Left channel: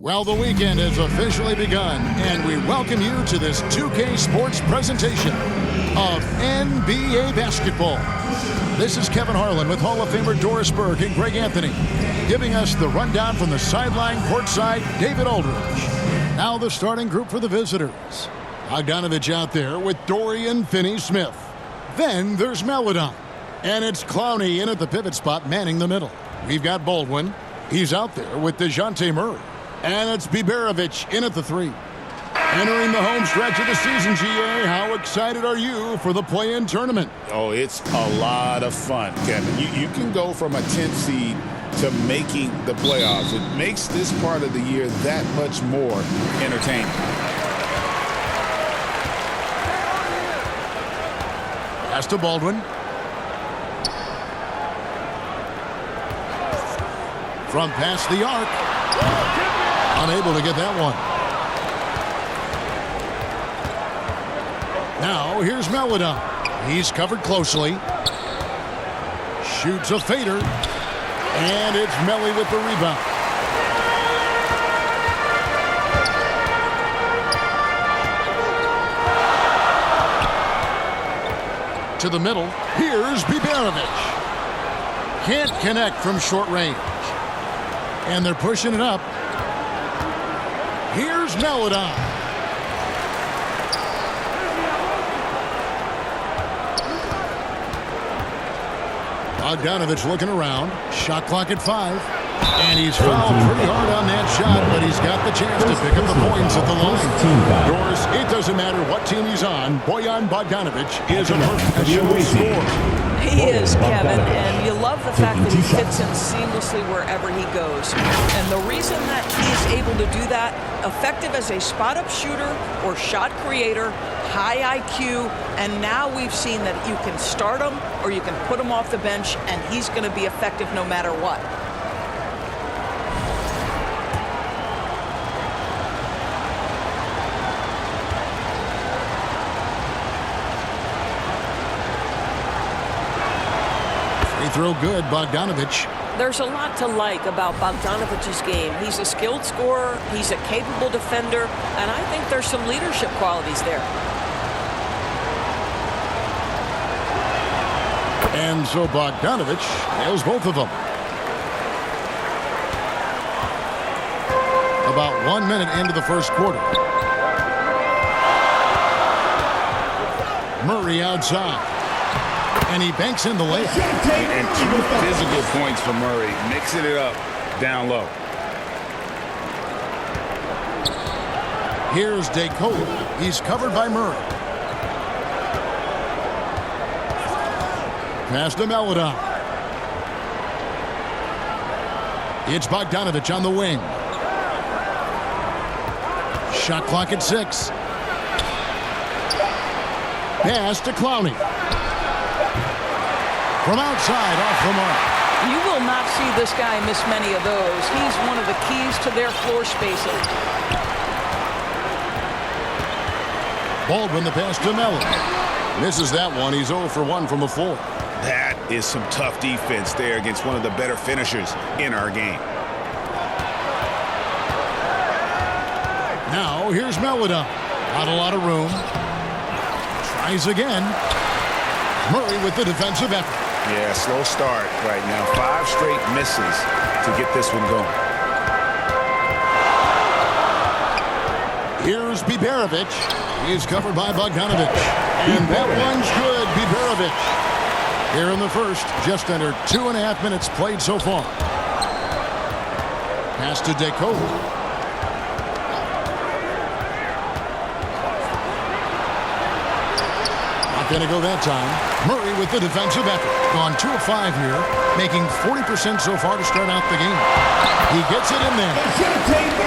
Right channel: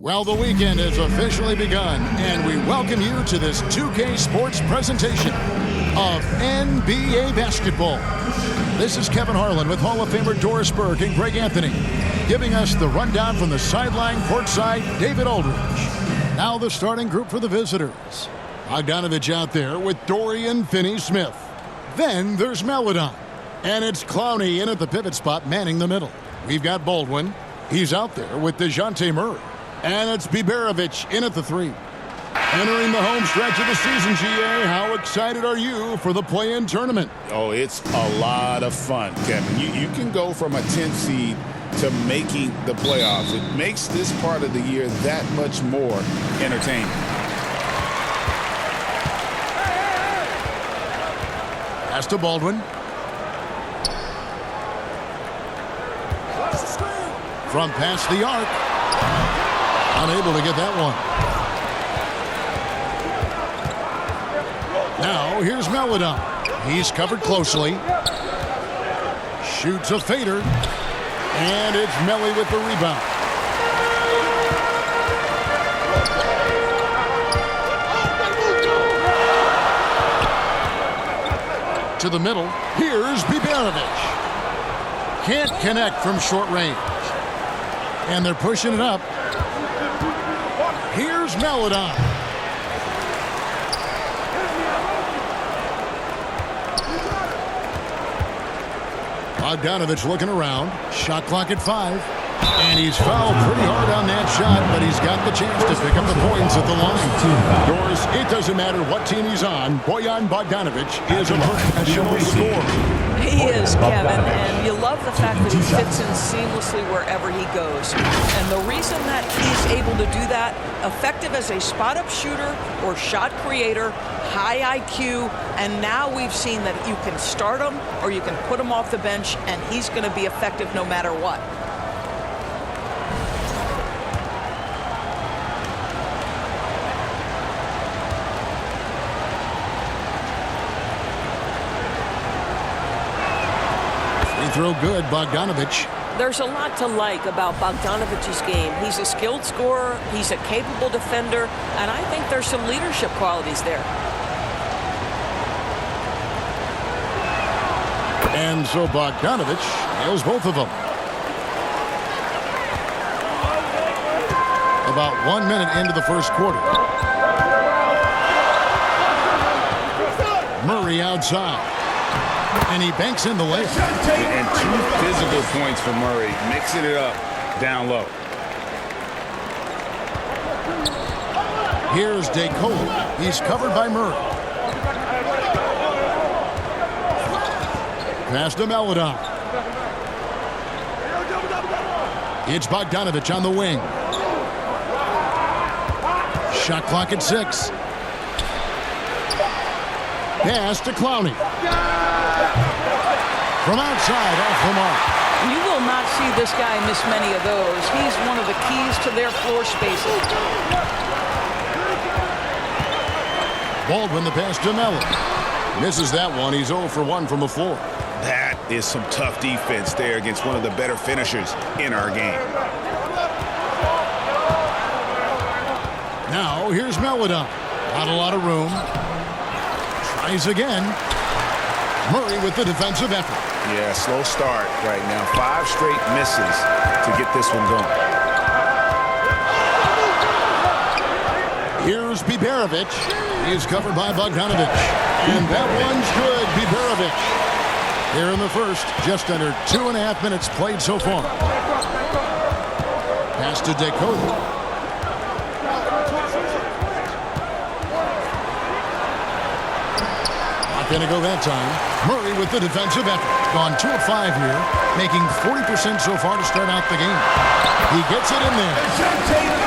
Well, the weekend has officially begun, and we welcome you to this 2K Sports presentation of NBA basketball. This is Kevin Harlan with Hall of Famer Doris Burke and Greg Anthony, giving us the rundown from the sideline courtside, David Aldridge. Now the starting group for the visitors. Bogdanovich out there with Dorian Finney-Smith. Then there's Melodon. And it's Clowney in at the pivot spot, manning the middle. We've got Baldwin. He's out there with DeJounte Murray. And it's Biberovic in at the 3. Entering the home stretch of the season, GA, how excited are you for the play-in tournament? Oh, it's a lot of fun, Kevin. You can go from a 10th seed to making the playoffs. It makes this part of the year that much more entertaining. Pass to Baldwin. From past the arc. Unable to get that one. Now here's Melodon. He's covered closely. Shoots a fader. And it's Melly with the rebound. To the middle. Here's Biberovic. Can't connect from short range. And they're pushing it up. Here's Melodon. Bogdanovich looking around. Shot clock at 5. And he's fouled pretty hard on that shot, but he's got the chance to pick up the points at the line. Doris, it doesn't matter what team he's on. Bojan Bogdanovich is a professional scorer. He is, Kevin, and you love the fact that he fits in seamlessly wherever he goes. And the reason that he's able to do that, effective as a spot-up shooter or shot creator, high IQ, and now we've seen that you can start him or you can put him off the bench, and he's going to be effective no matter what. Free throw good, Bogdanovich. There's a lot to like about Bogdanovich's game. He's a skilled scorer, he's a capable defender, and I think there's some leadership qualities there. And so Bogdanovich nails both of them. About 1 minute into the first quarter. Murray outside. And he banks in the layup. And 2 physical points for Murray, mixing it up down low. Here's DeColo. He's covered by Murray. Pass to Melodon. It's Bogdanovich on the wing. Shot clock at 6. Pass to Clowney. From outside, off the mark. And you will not see this guy miss many of those. He's one of the keys to their floor spacing. Baldwin the pass to Melly. Misses that one. He's 0 for 1 from the floor. That is some tough defense there against one of the better finishers in our game. Now here's Melodon. Not a lot of room. Tries again. Murray with the defensive effort. Yeah, slow start right now. 5 straight misses to get this one going. Here's Biberovic. He's covered by Bogdanovich. And that one's good, Biberovic. Here in the first, just under 2.5 minutes played so far. Pass to DeColo. Going to go that time. Murray with the defensive effort. Gone 2 of 5 here, making 40% so far to start out the game. He gets it in there.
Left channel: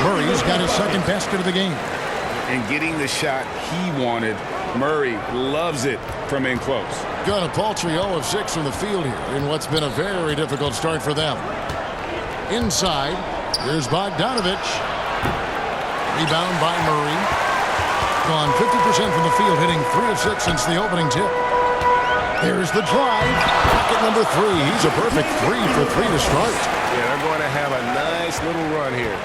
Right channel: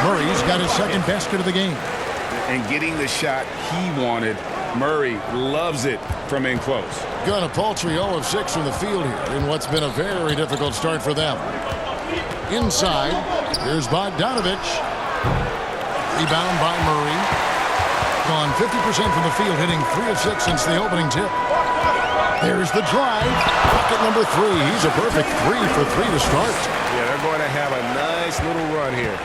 Murray's got his second basket of the game. And getting the shot he wanted, Murray loves it from in close. Got a paltry 0 of 6 from the field here in what's been a very difficult start for them. Inside, here's Bogdanovich. Rebound by Murray. Gone 50% from the field, hitting 3 of 6 since the opening tip. There's the drive. Bucket number 3. He's a perfect 3 for 3 to start. Yeah, they're going to have a nice little run here.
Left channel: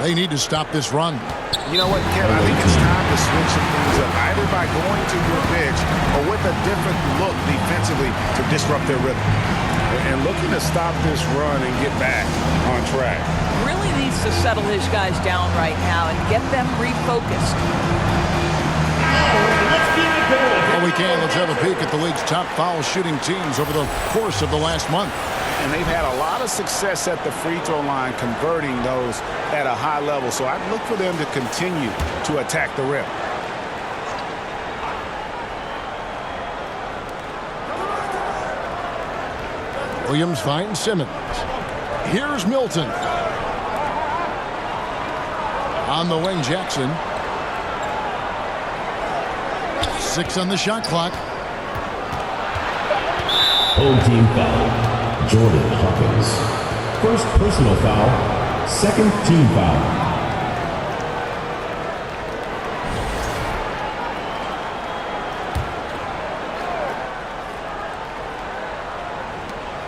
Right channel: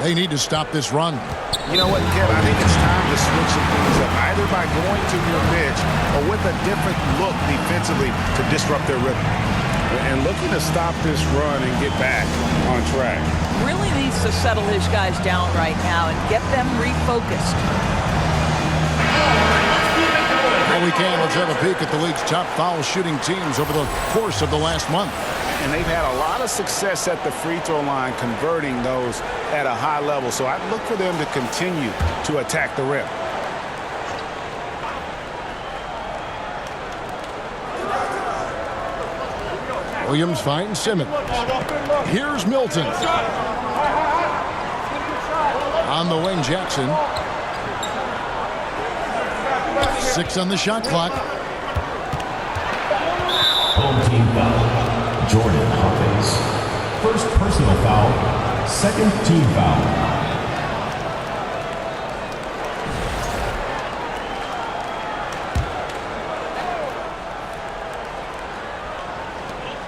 They need to stop this run. You know what, Kevin? I think it's time to switch some things up, either by going to your bench or with a different look defensively to disrupt their rhythm. And looking to stop this run and get back on track. Really needs to settle his guys down right now and get them refocused. While we can, let's have a peek at the league's top foul shooting teams over the course of the last month. And they've had a lot of success at the free throw line converting those at a high level. So I'd look for them to continue to attack the rim. Williams finds Simmons. Here's Milton. On the wing, Jackson. 6 on the shot clock. Home team foul. Jordan Hawkins. First personal foul. Second team foul.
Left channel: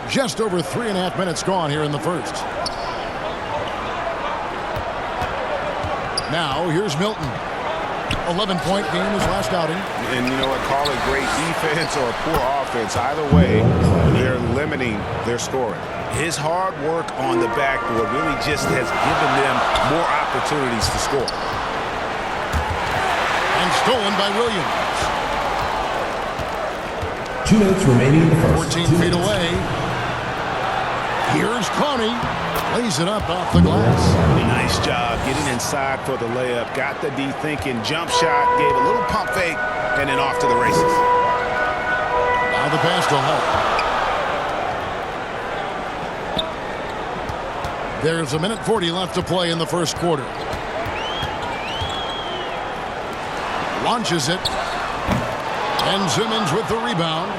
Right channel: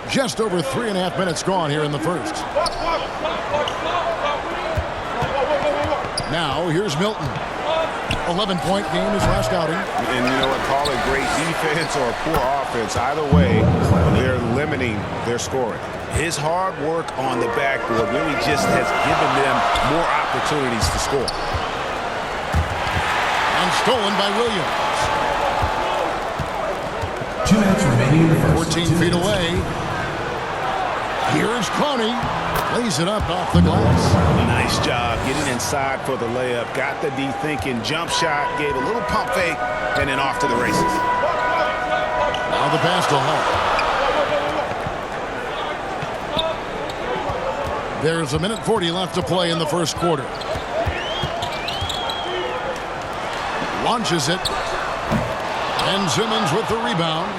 Just over 3.5 minutes gone here in the first. Now here's Milton. 11-point game his last outing. And you know what, call it great defense or poor offense. Either way, they're limiting their scoring. His hard work on the backboard really just has given them more opportunities to score. And stolen by Williams. 2 minutes remaining in the first. 14 feet away. Here's Coney. Lays it up off the glass. Nice job getting inside for the layup. Got the D thinking. Jump shot. Gave a little pump fake. And then off to the races. Now the pass to Hall. There's 1:40 left to play in the first quarter. Launches it. And Simmons with the rebound.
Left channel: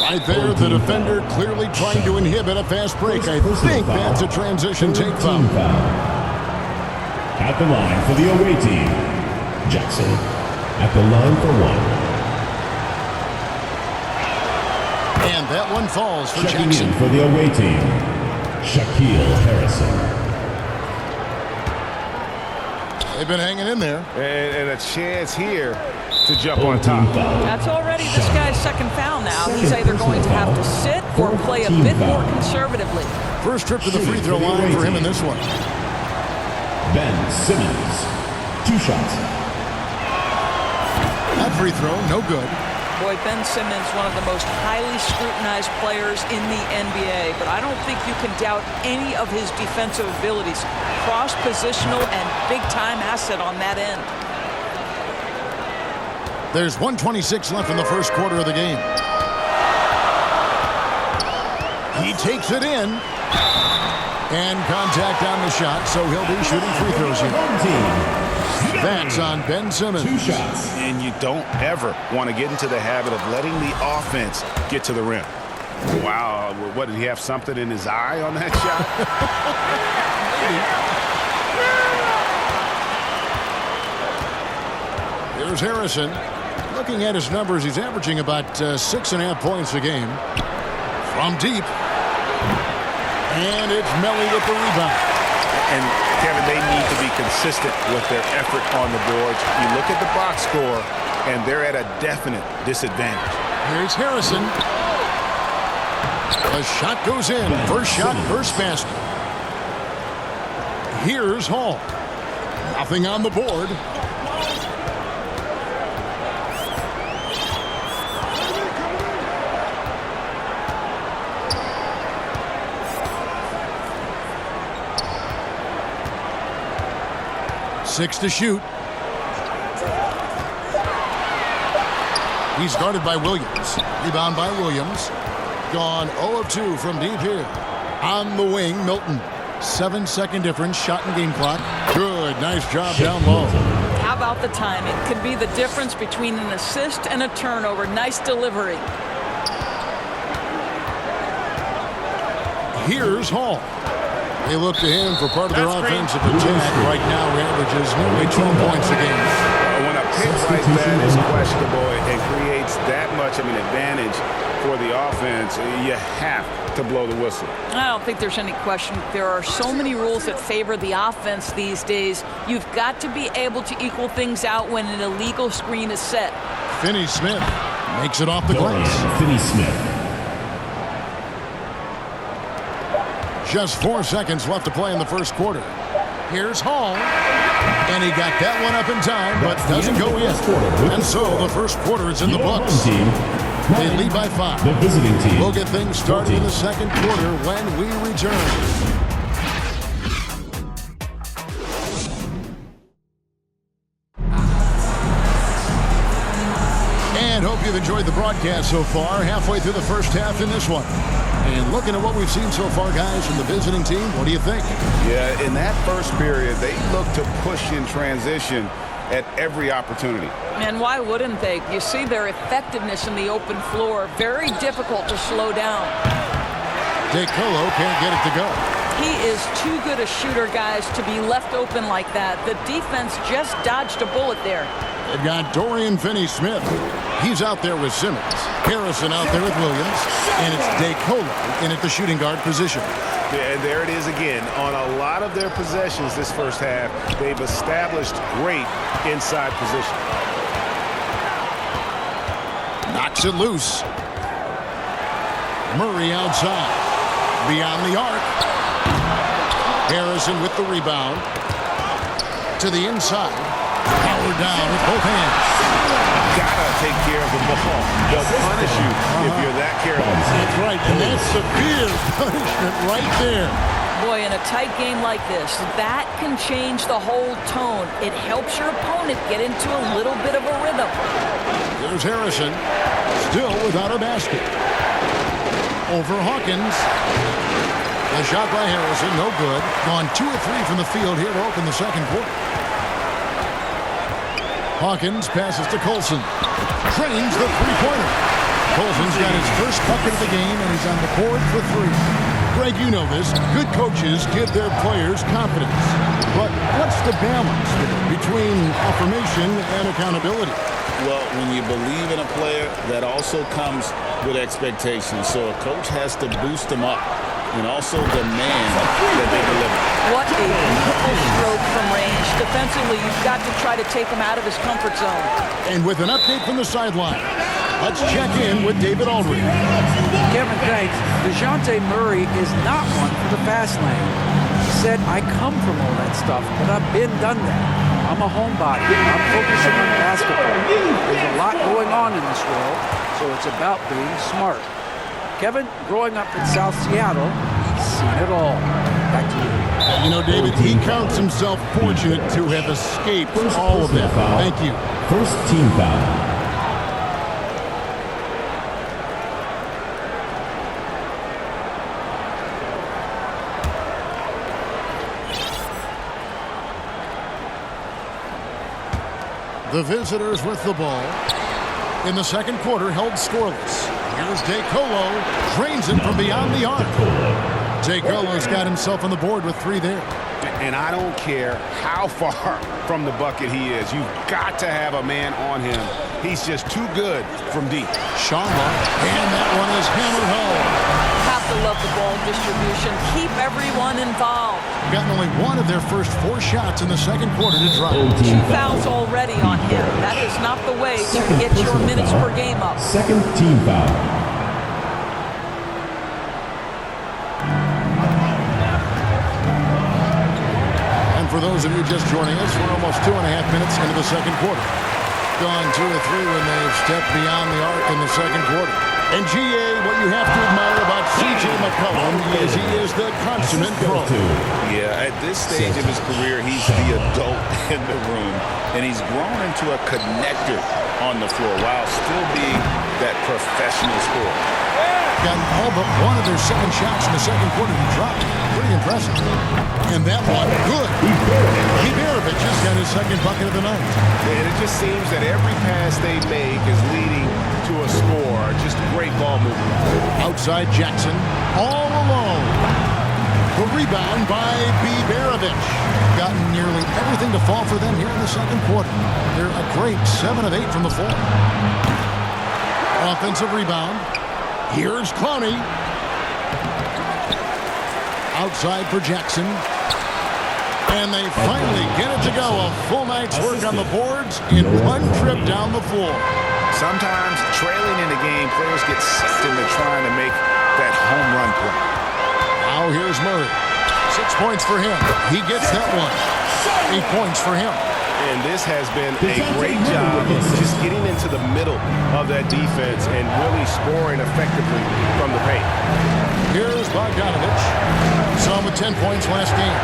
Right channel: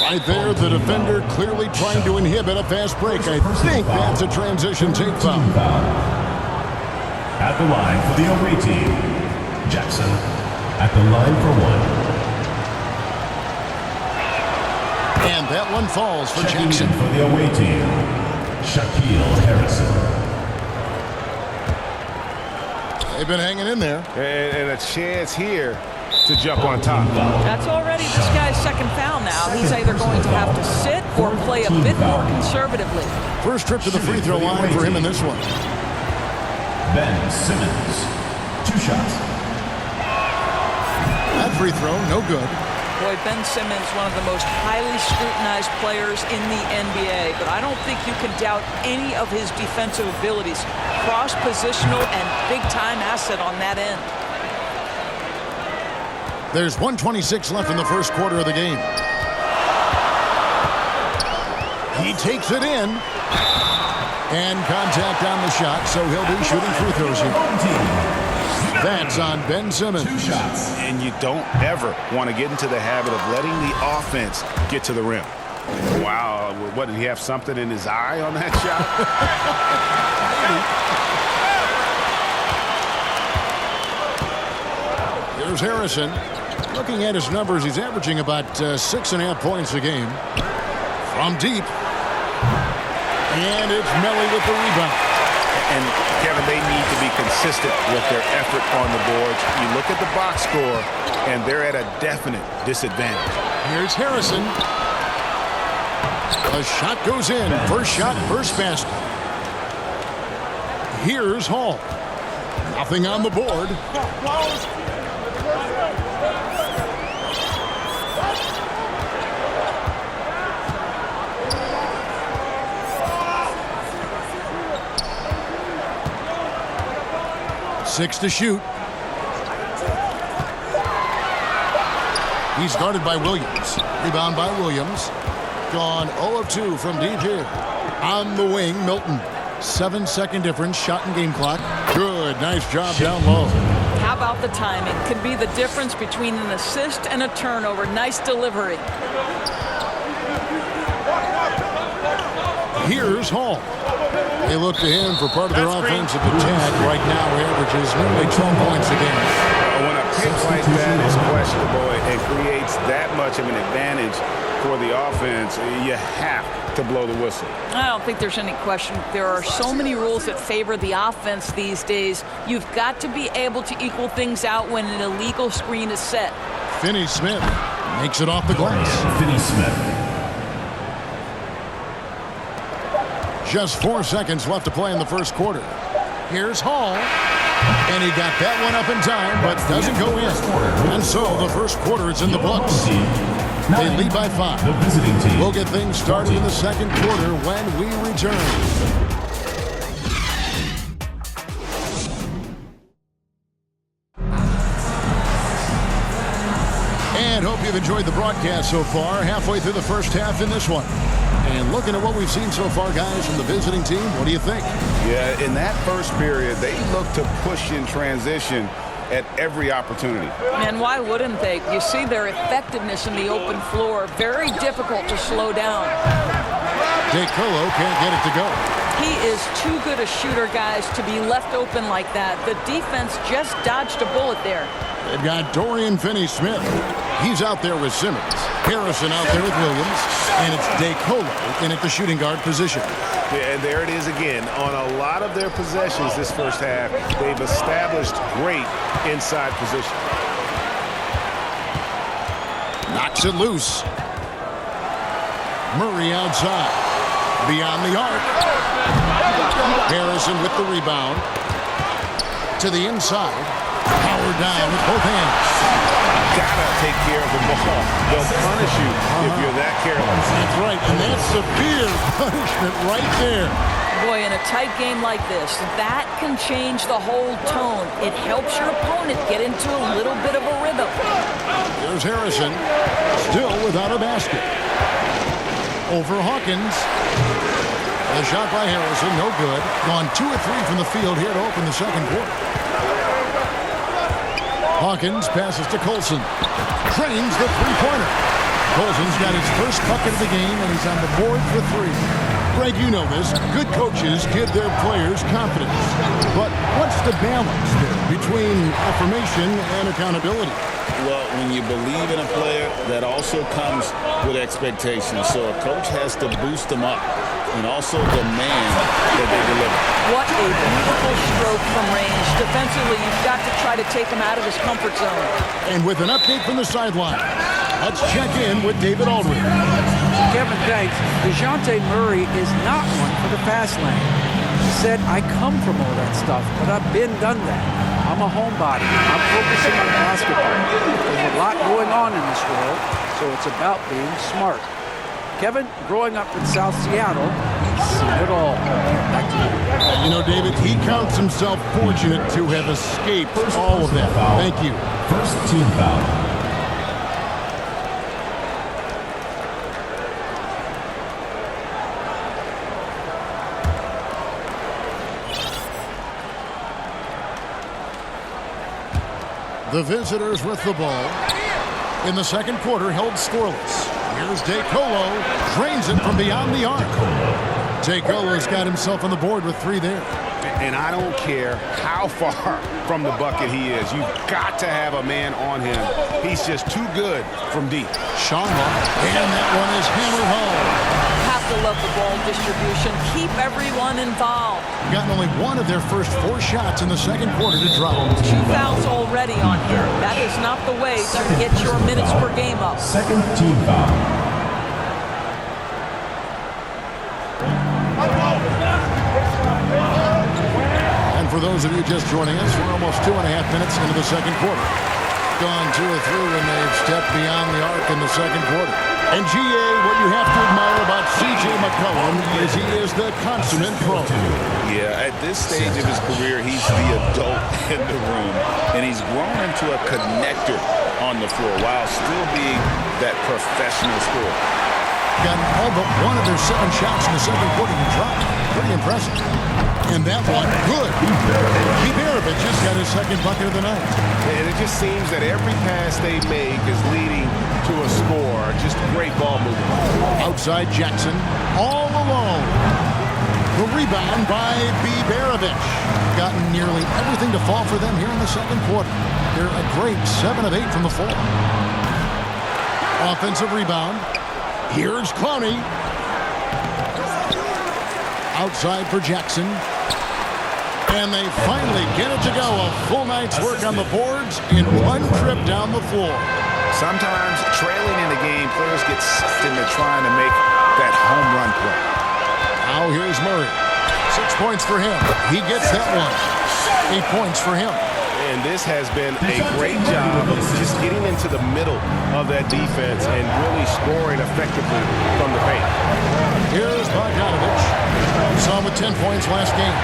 Right there, the defender clearly trying to inhibit a fast break. I think that's a transition take foul. At the line for the away team, Jackson. At the line for 1. And that one falls for Checking Jackson. in for the away team, Shaquille Harrison. They've been hanging in there. And a chance here to jump on top. That's already this guy's second foul now. He's either going to have to sit or play a bit more conservatively. First trip to the free throw line for him in this one. Ben Simmons. 2 shots. That free throw, no good. Boy, Ben Simmons, one of the most highly scrutinized players in the NBA, but I don't think you can doubt any of his defensive abilities. Cross-positional and big-time asset on that end. There's 1:26 left in the first quarter of the game. He takes it in. And contact on the shot, so he'll be shooting free throws here. That's on Ben Simmons. 2 shots. And you don't ever want to get into the habit of letting the offense get to the rim. Wow, what, did he have something in his eye on that shot? Maybe. Here's Harrison. Looking at his numbers, he's averaging about 6.5 points a game. From deep. And it's Melly with the rebound. And, Kevin, they need to be consistent with their effort on the boards. You look at the box score, and they're at a definite disadvantage. Here's Harrison. The shot goes in. First shot, first basket. Here's Hall. Nothing on the board. Six to shoot. He's guarded by Williams. Rebound by Williams. Gone 0 of 2 from deep here. On the wing, Milton. 7-second difference, shot and game clock. Good, nice job down low. How about the timing? Could be the difference between an assist and a turnover. Nice delivery. Here's Hall. They look to him for part of their offensive attack. Right now, he averages nearly 12 points a game. When a pick like that is questionable and creates that much of an advantage for the offense, you have to blow the whistle. I don't think there's any question. There are so many rules that favor the offense these days. You've got to be able to equal things out when an illegal screen is set. Finney-Smith makes it off the glass. Finney-Smith. Just 4 seconds left to play in the first quarter. Here's Hall. And he got that one up in time, but doesn't go in. And so the first quarter is in the books. They lead by 5. The visiting team. We'll get things started in the second quarter when we return. And hope you've enjoyed the broadcast so far. Halfway through the first half in this one. And looking at what we've seen so far, guys, from the visiting team, what do you think? Yeah, in that first period, they looked to push in transition at every opportunity. And why wouldn't they? You see their effectiveness in the open floor. Very difficult to slow down. DeColo can't get it to go. He is too good a shooter, guys, to be left open like that. The defense just dodged a bullet there. They've got Dorian Finney-Smith. He's out there with Simmons. Harrison out there with Williams. And it's DeColo in at the shooting guard position. Yeah, and there it is again. On a lot of their possessions this first half, they've established great inside position. Knocks it loose. Murray outside. Beyond the arc. Harrison with the rebound. To the inside. Power down with both hands. Gotta take care of the ball. They'll punish you if you're that careless. That's right, and that's severe punishment right there. Boy, in a tight game like this, that can change the whole tone. It helps your opponent get into a little bit of a rhythm. There's Harrison, still without a basket. Over Hawkins. The shot by Harrison, no good. Gone 2 of 3 from the field here to open the second quarter. Hawkins passes to Colson. Trains the three-pointer. Colson's got his first bucket of the game, and he's on the board for 3. Greg, you know this. Good coaches give their players confidence. But what's the balance there between affirmation and accountability? Well, when you believe in a player, that also comes with expectations. So a coach has to boost them up and also demand that they deliver. What a beautiful stroke from range. Defensively, you've got to try to take him out of his comfort zone. And with an update from the sideline, let's check in with David Aldridge. Kevin, thanks. DeJounte Murray is not one for the fast lane. He said, I come from all that stuff, but I've done that. I'm a homebody. I'm focusing on basketball. There's a lot going on in this world, so it's about being smart. Kevin, growing up in South Seattle, he's seen it all. Back to you. You know, David, he counts himself fortunate to have escaped all of that. Foul. Thank you. First team foul. The visitors with the ball. In the second quarter, held scoreless. Here's DeColo. Drains it from beyond the arc. DeColo's got himself on the board with 3 there. And I don't care how far from the bucket he is. You've got to have a man on him. He's just too good from deep. Sharma, and that one is hammered home. Have to love the ball distribution. Keep everyone involved. Gotten only 1 of their first 4 shots in the second quarter to drop. 2 fouls already on him. That is not the way to get your minutes per game up. Second team foul. And for those of you just joining us, we're almost 2.5 minutes into the second quarter. Gone 2 of 3 when they've stepped beyond the arc in the second quarter. And GA, what you have to admire about CJ McCollum is he is the consummate pro. Yeah, at this stage of his career, he's the adult in the room, and he's grown into a connector on the floor while still being that professional scorer. Gotten all but 1 of their 7 shots in the second quarter to drop. Pretty impressive. And that one, good. Iberovic just got his second bucket of the night. And it just seems that every pass they make is leading to a score. Just great ball movement. Outside Jackson, all alone. The rebound by Iberovic. Gotten nearly everything to fall for them here in the second quarter. They're a great 7 of 8 from the floor. Offensive rebound. Here's Clowney. Outside for Jackson. And they finally get it to go. A full night's work on the boards in one trip down the floor. Sometimes trailing in the game, players get sucked into trying to make that home run play. Now here's Murray. 6 points for him. He gets that one. 8 points for him. And this has been a great job of just getting into the middle of that defense and really scoring effectively from the paint. Here's Bogdanovich. We saw him with 10 points last game.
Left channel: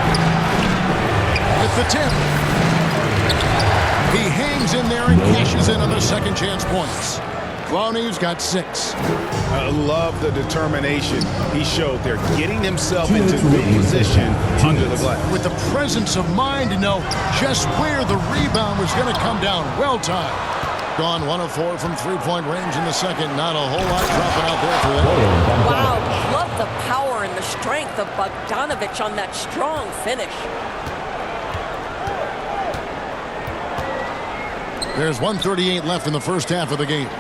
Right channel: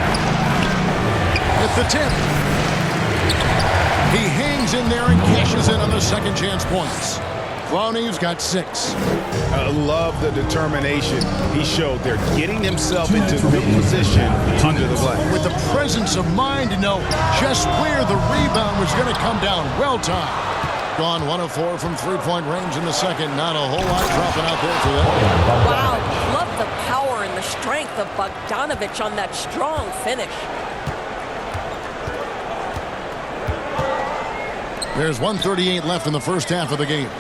With the 10. He hangs in there and cashes in on the second chance points. Clowney's got 6. I love the determination he showed there, getting himself into good position under the glass. With the presence of mind to know just where the rebound was going to come down. Well timed. Gone 1 of 4 from three-point range in the second. Not a whole lot dropping out there for them. Wow, love the power and the strength of Bogdanovich on that strong finish. There's 1:38 left in the first half of the game.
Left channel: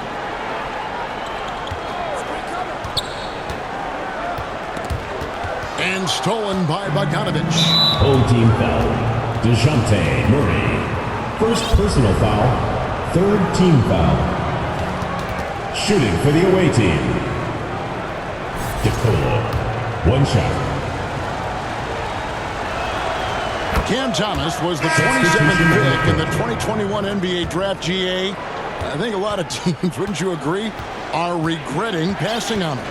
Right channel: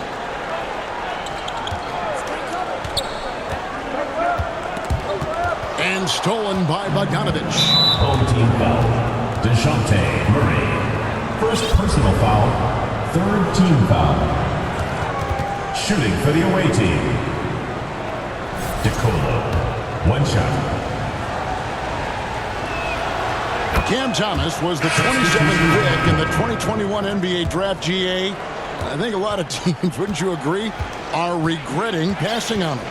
And stolen by Bogdanovich. Home team foul. DeJounte Murray. First personal foul. Third team foul. Shooting for the away team. DeColo. One shot. Cam Thomas was the 27th pick in the 2021 NBA Draft. GA. I think a lot of teams, wouldn't you agree, are regretting passing on him.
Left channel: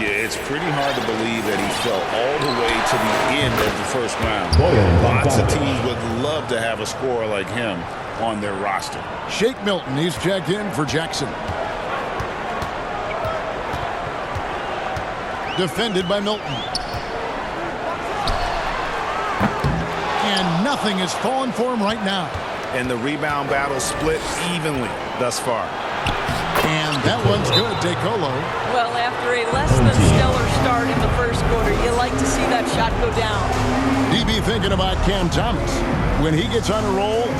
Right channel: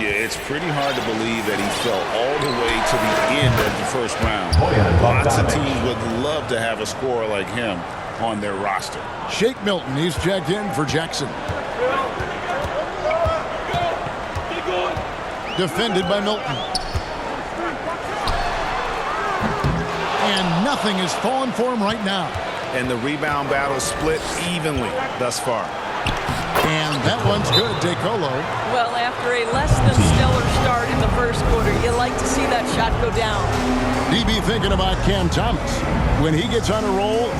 Yeah, it's pretty hard to believe that he fell all the way to the end of the first round. Lots of teams would love to have a scorer like him on their roster. Shake Milton, he's checked in for Jackson. Defended by Milton. And nothing has fallen for him right now. And the rebound battle split evenly thus far. And that one's good, DeColo. Well, after a less than stellar start in the first quarter, you like to see that shot go down. DB thinking about Cam Thomas. When he gets on a roll,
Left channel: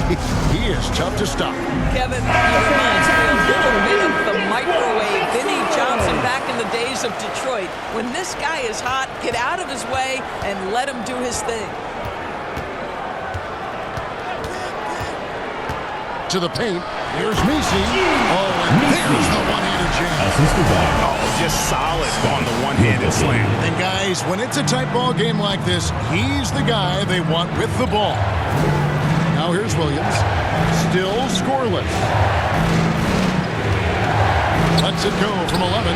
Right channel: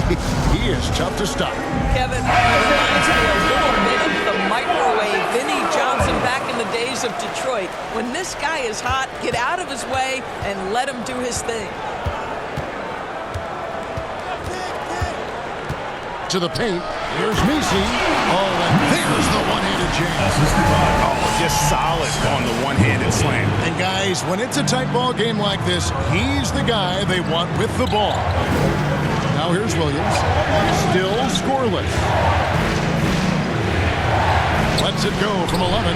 he is tough to stop. Kevin, he reminds me a little bit of the microwave Vinnie Johnson back in the days of Detroit. When this guy is hot, get out of his way and let him do his thing. To the paint. Here's Misi. Oh, and there's the one-handed jam. Oh, just solid on the one-handed slam. And guys, when it's a tight ball game like this, he's the guy they want with the ball. Now here's Williams. Still scoreless. Lets it go from 11.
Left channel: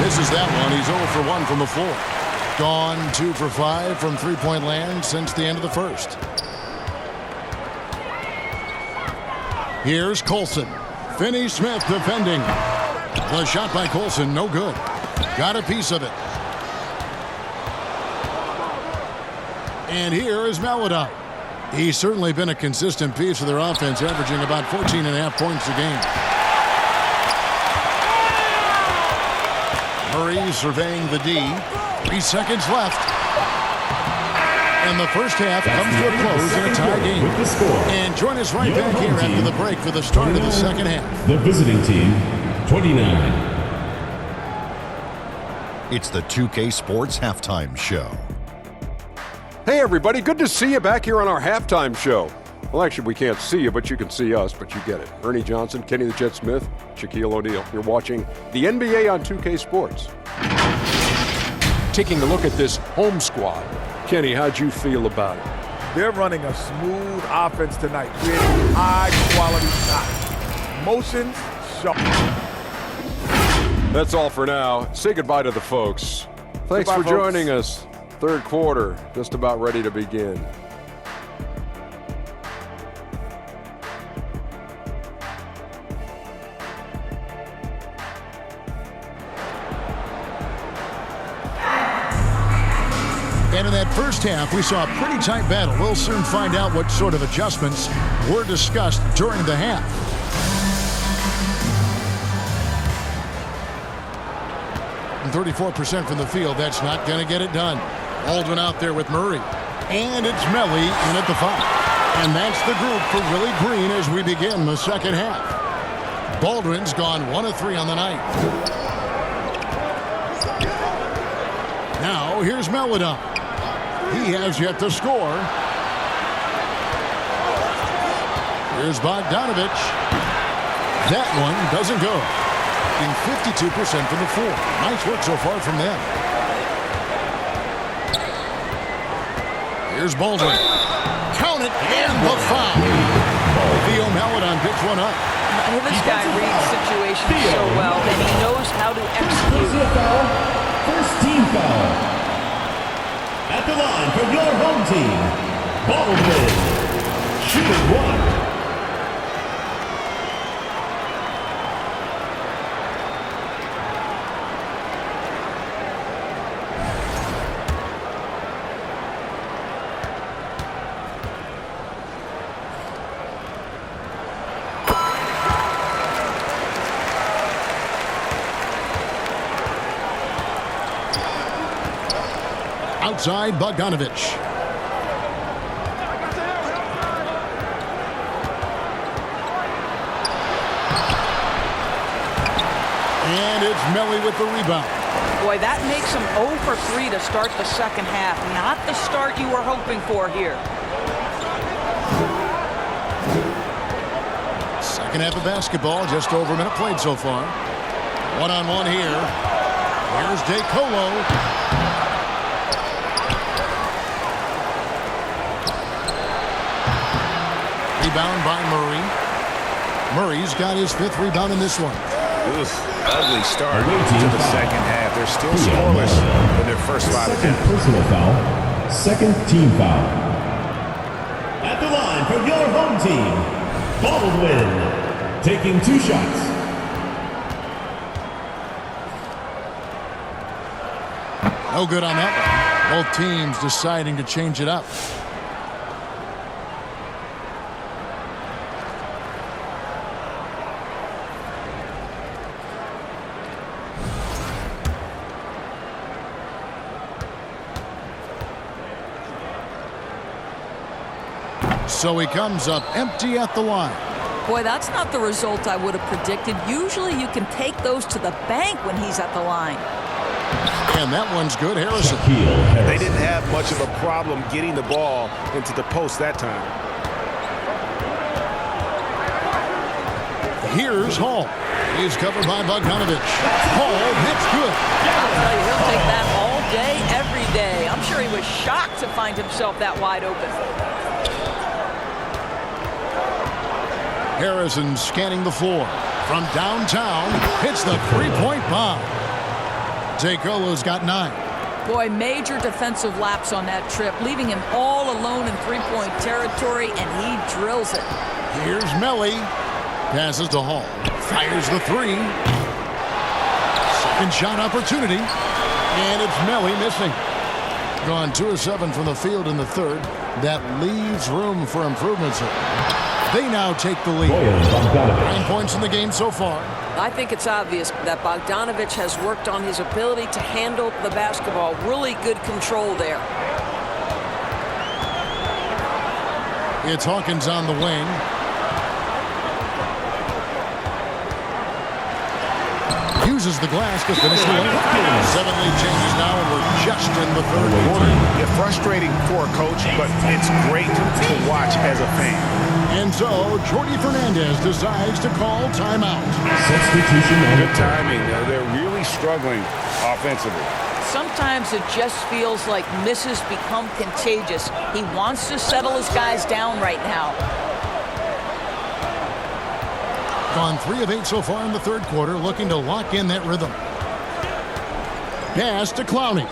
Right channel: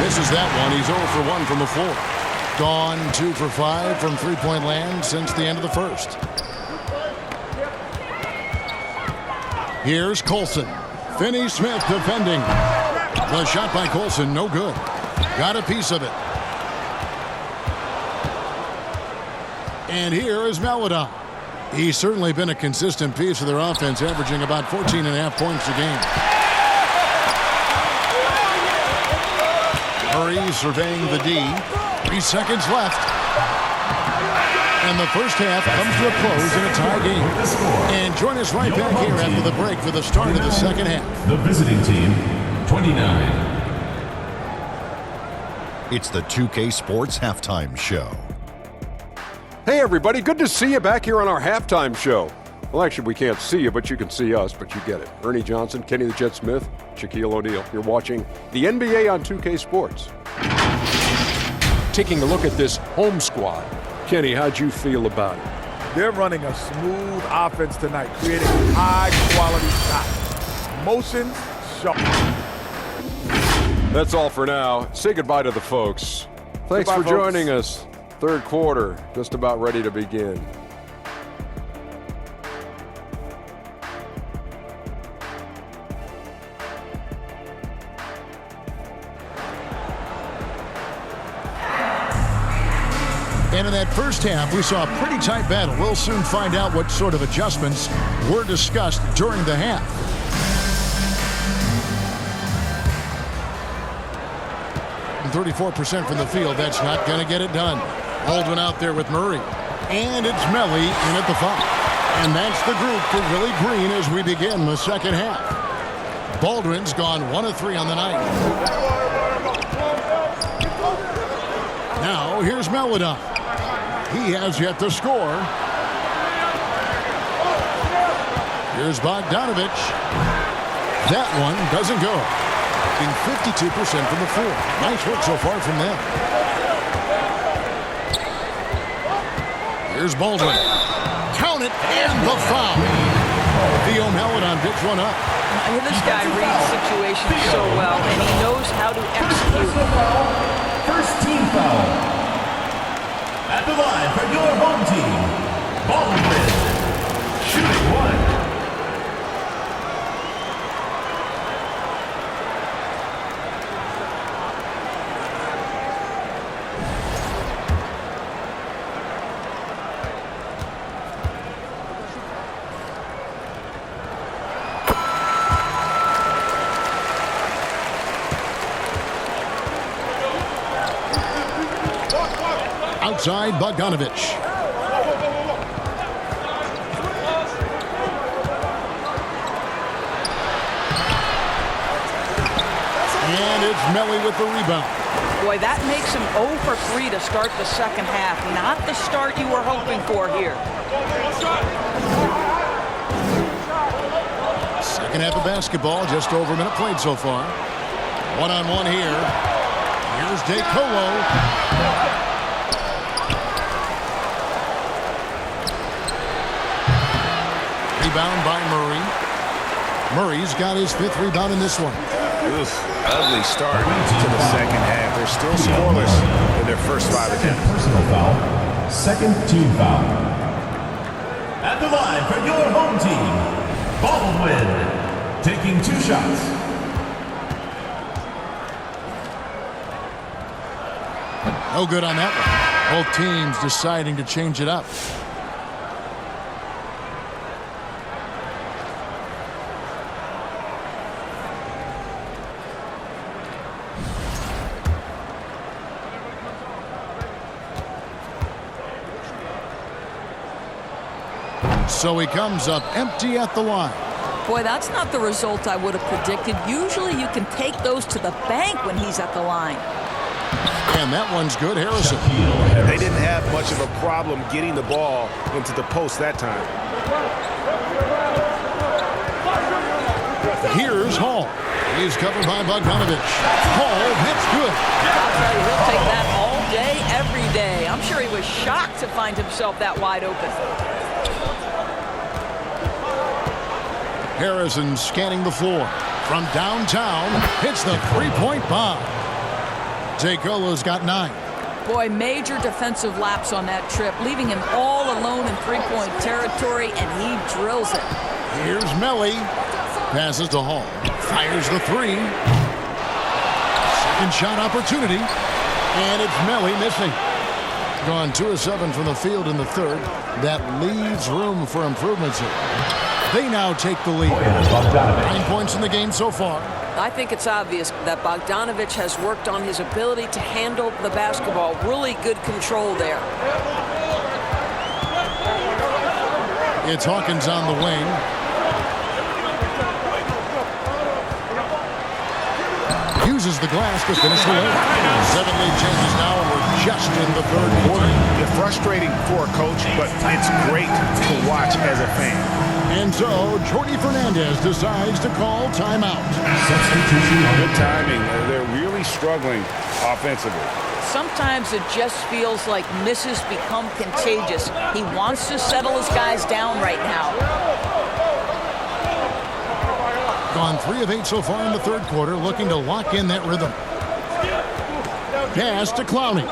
Misses that one. He's 0 for 1 from the floor. Gone 2 for 5 from three-point land since the end of the first. Here's Colson. Finney Smith defending. The shot by Colson, no good. Got a piece of it. And here is Maladon. He's certainly been a consistent piece of their offense, averaging about 14.5 points a game. Murray surveying the D. 3 seconds left. And the first half comes to a close in a tie game. And join us right back here after the break for the start of the second half. The visiting team, 29. It's the 2K Sports Halftime Show. Hey everybody, good to see you back here on our halftime show. Well, actually, we can't see you, but you can see us, but you get it. Ernie Johnson, Kenny the Jet Smith, Shaquille O'Neal. You're watching the NBA on 2K Sports. Taking a look at this home squad. Kenny, how'd you feel about it? They're running a smooth offense tonight, creating high-quality shots. Motion, shot. That's all for now. Say goodbye to the folks. Thanks for joining us. Third quarter, just about ready to begin. And in that first half, we saw a pretty tight battle. We'll soon find out what sort of adjustments were discussed during the half. And 34% from the field, that's not going to get it done. Baldwin out there with Murray. And it's Melly in at the foul. And that's the group for Willie Green as we begin the second half. Baldwin's gone 1 of 3 on the night. Now here's Maladon. He has yet to score. Here's Bogdanovich. That one doesn't go. Being 52% from the floor. Nice work so far from them. Here's Baldwin. Count it, and the foul. Theo Mallet on picks one up. This guy reads situations so well, and he knows how to execute. First team foul. At the line for your home team, Baldwin. Shooting one. Outside Bogdanovich. And it's Melly with the rebound. Boy, that makes him 0 for 3 to start the second half. Not the start you were hoping for here. Second half of basketball, just over a minute played so far. One-on-one here. Here's DeColo. Rebound by Murray. Murray's got his 5th rebound in this one. Oof, ugly start to the second half. They're still scoreless in their first 5 attempts. Personal foul. Second team foul. At the line for your home team, Baldwin. Taking 2 shots. No good on that one. Both teams deciding to change it up. So he comes up empty at the line. Boy, that's not the result I would have predicted. Usually you can take those to the bank when he's at the line. And that one's good, Harrison. They didn't have much of a problem getting the ball into the post that time. Here's Hall. He's covered by Bogdanovich. Hall hits good. I'll tell you, he'll take that all day, every day. I'm sure he was shocked to find himself that wide open. Harrison scanning the floor. From downtown, hits the three-point bomb. DeColo's got 9. Boy, major defensive lapse on that trip, leaving him all alone in three-point territory, and he drills it. Here's Melly. Passes to Hall. Fires the 3. Second shot opportunity. And it's Melly missing. Gone 2 of 7 from the field in the third. That leaves room for improvements here. They now take the lead. 9 points in the game so far. I think it's obvious that Bogdanovich has worked on his ability to handle the basketball. Really good control there. It's Hawkins on the wing. Uses the glass to finish the win. 7 lead changes now, and we're just in the third quarter. Yeah, frustrating for a coach, but it's great to watch as a fan. And so, Jordi Fernandez decides to call timeout. Substitution on Good timing. They're really struggling offensively. Sometimes it just feels like misses become contagious. He wants to settle his guys down right now. Gone 3 of 8 so far in the third quarter, looking to lock in that rhythm. Pass to Clowney.